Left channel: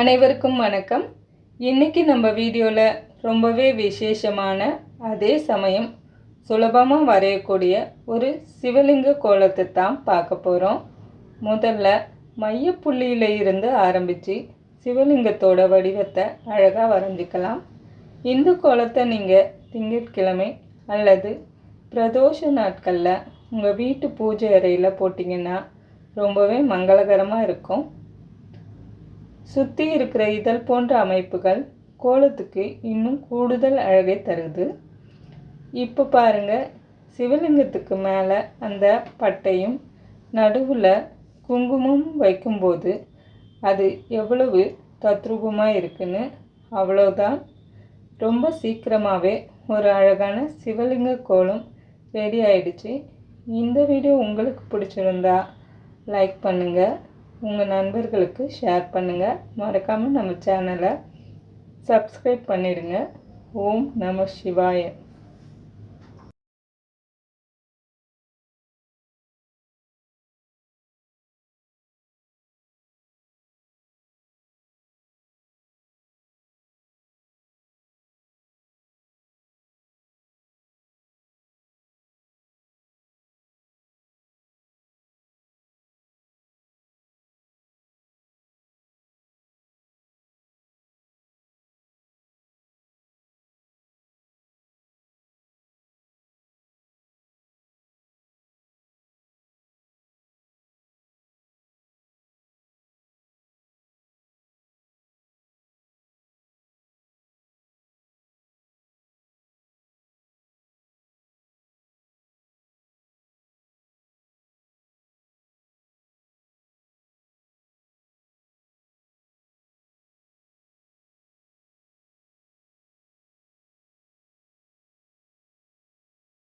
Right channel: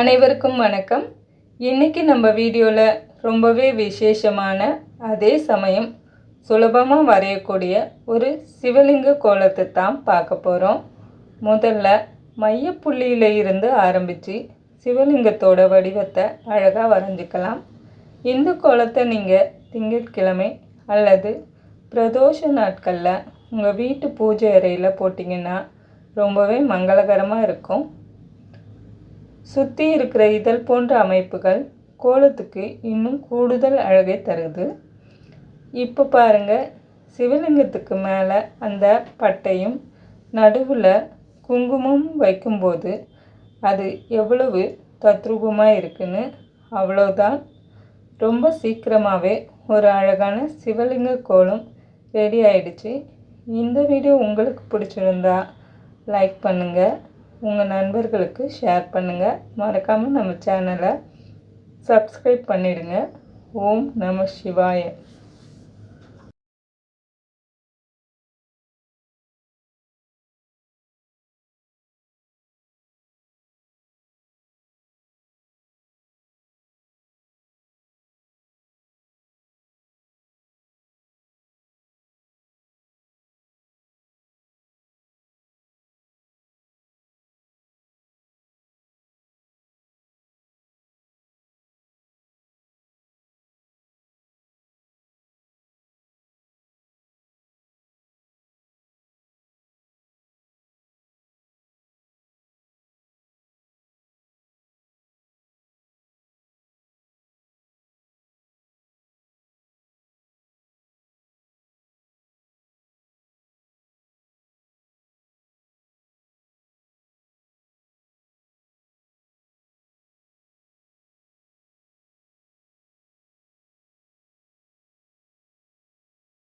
அனைவருக்கும் வணக்கம். இன்னைக்கு நம்ம வீடியோவில் ரொம்பவே விசேஷமான அதே சமயம் சுலபமாக வரையக்கூடிய ஒரு சிவலிங்க கோலத்தை தான் பார்க்க போகிறோம். முதல்ல மையப்புள்ளியில் இருந்து ஆரம்பித்து சிவலிங்கத்தோட வடிவத்தை அழகாக வரைஞ்சிக்கலாம். இந்த கோலத்தை நீங்கள் திங்கட்கிழமை அல்லது பிரதோஷ நாட்களில் உங்கள் வீட்டு பூஜை அறையில் போட்டிங்கன்னா ரொம்பவே மங்களகரமாக இருக்கும். சுற்றி இருக்கிற இதழ் போன்ற அமைப்புகள் கோலத்துக்கு இன்னும் கூடுதல் அழகை தருது. இப்போ பாருங்கள், சிவலிங்கத்துக்கு மேலே அந்த பட்டையும் நடுவில் குங்குமம் வைக்கும்போது அது எவ்வளவு தத்ரூபமாக இருக்குன்னு. அவ்வளோதான், ரொம்ப சீக்கிரமாகவே ஒரு அழகான சிவலிங்க கோலம் ரெடி ஆயிடுச்சு. இந்த வீடியோ உங்களுக்கு பிடிச்சிருந்தா லைக் பண்ணுங்கள், உங்கள் நண்பர்களுக்கு ஷேர் பண்ணுங்கள். மறக்காமல் நம்ம சேனலை சப்ஸ்கிரைப் பண்ணிடுங்க. ஓம் நம சிவாய.